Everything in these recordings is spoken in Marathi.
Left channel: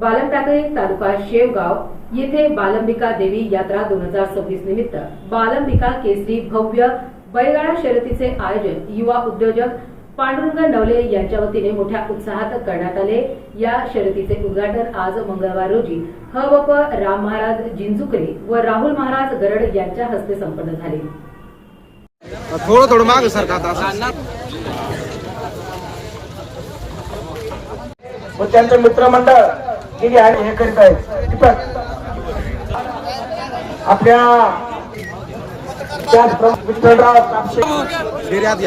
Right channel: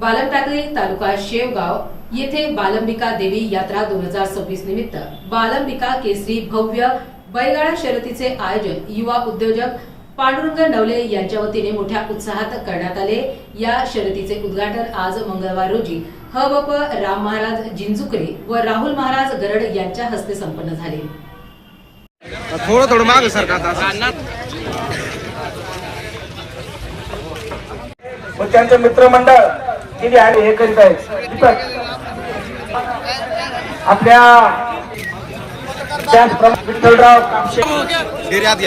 बालमटाकळी तालुका शेवगाव येथे बालंबिका देवी यात्रा दोन हजार सव्वीस निमित्त बालंबिका केसरी भव्य बैलगाडा शर्यतीचे आयोजन युवा उद्योजक पांडुरंग नवले यांच्या वतीने मोठ्या उत्साहात करण्यात आले या शर्यतीचे उद्घाटन आज मंगळवार रोजी हबप राम महाराज जिंजुकरे व राहुल महाराज गरड यांच्या हस्ते संपन्न झाले थोडं थोडं माग. व त्यांचे मित्रमंडळ गेली आणि हे करीत आहेत आपल्या त्याचप्रमाणे विठ्ठलराव कापशे डेरी आत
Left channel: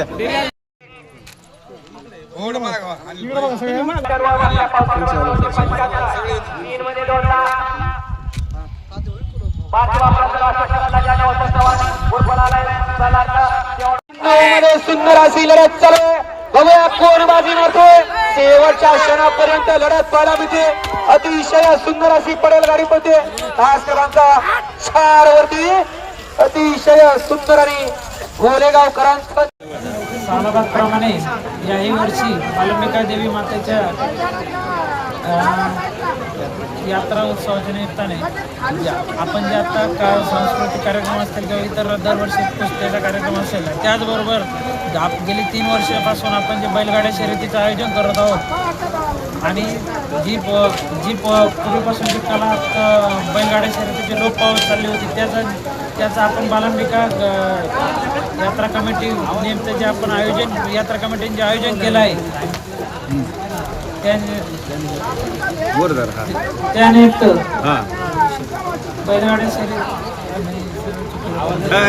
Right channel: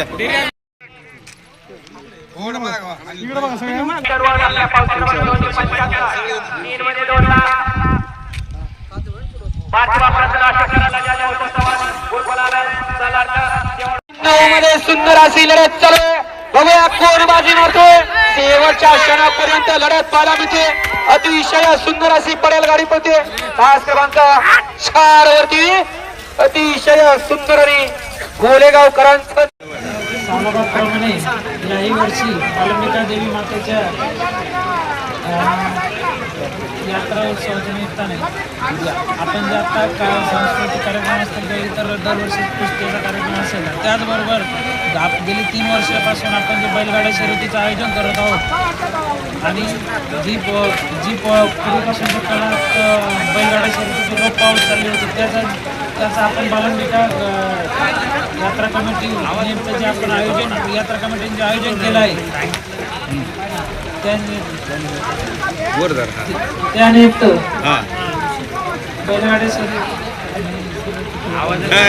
सुंदर अशी लढत चालू बघूया कोण मारते शेवटच्या क्षणापर्यंत लढत पाहायला मिळते. अतिशय सुंदर अशी पडेल गाडी पडते भास्करांचा छार वरती. अतिशय सुंदर आणि गोलेगावकरांचं सालाबादप्रमाणे याही वर्षी बालंबिका देवी मातेच्या यात्रा उत्सवाच्या निमित्ताने. म्हणजे आपण जे आता का सांस्कृतिक कार्यक्रम असतील किंवा इतर दरवर्षी कुस्तीचा कार्यक्रम असेल त्याचबरोबर आप गेली तीन वर्षापासून आपण जे बैलगाड्या शर्यतीचं आयोजन करत आहोत आणि जी प जी प पूर्वीपासून जी कला बैलगाड्या शर्यतीची लोप पाऊस चालली होती त्याचा त्याचा आपण बालंबिका यात्रा कमिटी नेमचं जे आपण आयोजन यात्रा कमिटीने जे आयोजन केलं आहे त्यानिमित्त हा. बैलगाड्या शर्यत काय?